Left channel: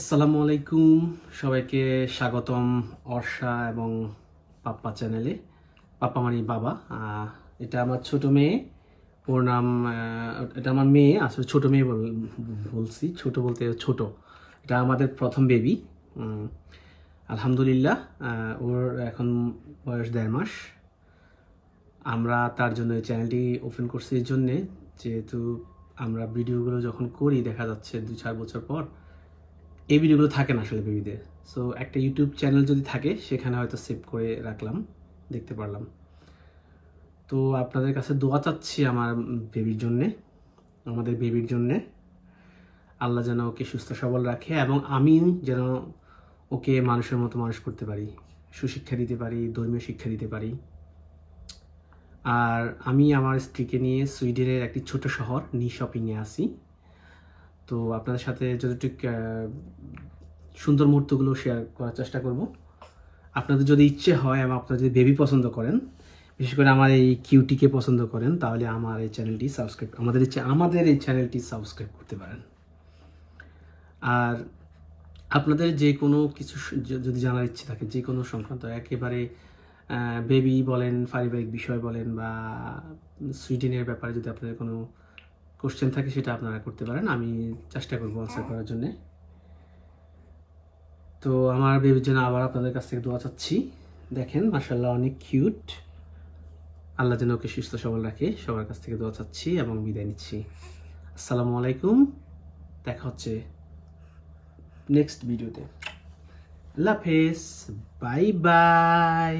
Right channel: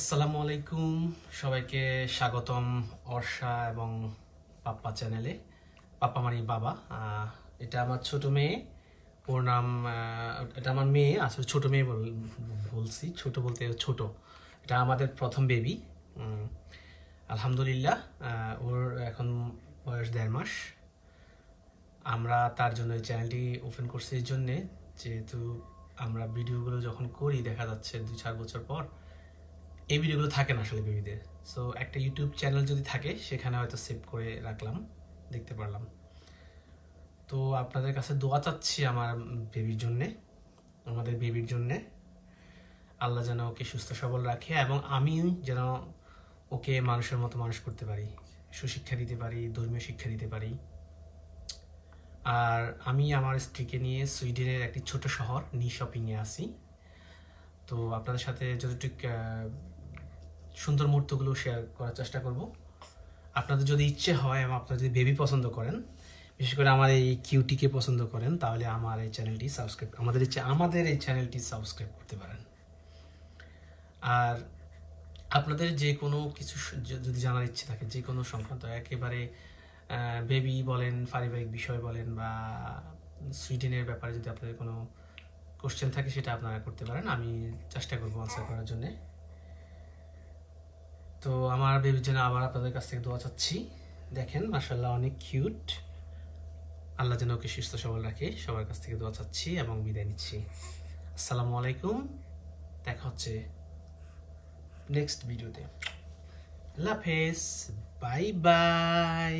আসসালামু আলাইকুম, সবাইকে স্বাগতম অর্ষা এবং পাপ্পা চ্যানেলে। পাপ্পা মানে বাবা। এটা আমার ছোট মেয়ে, ওর নাম এটা আমার মেয়ে, আসলে ছোট মেয়ে বলছি, ছোট বলতে ছোট। এটা আমাদের প্রথম বেবি। আলহামদুলিল্লাহ, ওর এখন বয়স 1.5 মাস। আমরা তার জন্য এই চ্যানেলটি ওপেন করছি এই জন্যে, যেহেতু আমরা ভিডিওগুলো যখন করি দেখা যাচ্ছে 2-4 বছর পর এই ভিডিওগুলো থাকে না আসলে বেবিদের। সো একটা ইউটিউব চ্যানেল যদি থাকে সেখানে হয়তো সেভ করে রাখলাম, দেখতে পারলাম। তো আপনাদের কাছে দোয়া চাচ্ছি আমার বেবির জন্যে, আমাদের বেবির জন্যে। আল্লাহ যেন ওকে সুস্থ সবল রাখে এবং আমি যেন ওকে মানুষের মতো মানুষ করতে পারি, সুশিক্ষা দিতে পারি, ধর্মীয় শিক্ষা দিতে পারি। আর আমি আমার স্ত্রীকে নিয়ে সুইডেনের একটি ছোট শহর নিশপিংয়ে আসি। তো আপনাদের সাথে যতটুকু সুন্দর মুহূর্তগুলো শেয়ার করার চেষ্টা করব। আপনাদের যদি ইচ্ছে হয় এবং আপনারা যদি বেবি পছন্দ করেন, বিশেষ করে আমার এই কিউটিকে পছন্দ করেন, তাহলে আমার এই চ্যানেলটি সাবস্ক্রাইব আমাদের এই চ্যানেলটি সাবস্ক্রাইব করতে পারেন। আর আপনাদের যে কোনো কিছু যদি জানার ইচ্ছে থাকে, যে কোনো সংক্রান্ত, একেবারে বেবি বলেন, পারিবারিক বিষয় বলেন, বা সুইডেনের ব্যাপারে যদি আপনাদের কোনো কোশ্চেন থাকে সেটা আপনারা করতে পারেন, আমি চেষ্টা করবো আনসার করার জন্যে। তো আমার বেবির জন্য আবার আপনাদের কাছ থেকে দোয়া চাচ্ছি। দেখেন মাশাআল্লাহ অনেক কিউট। আল্লাহ যেন ওকে সুস্থ সবল রাখে, সবার কাছ থেকে দোয়া চাচ্ছি এবং বিদায় নিচ্ছি। আসসালামু আলাইকুম, দেখা হচ্ছে নেক্সট ভিডিওতে। আল্লাহ হাফেজ, বাই বাই।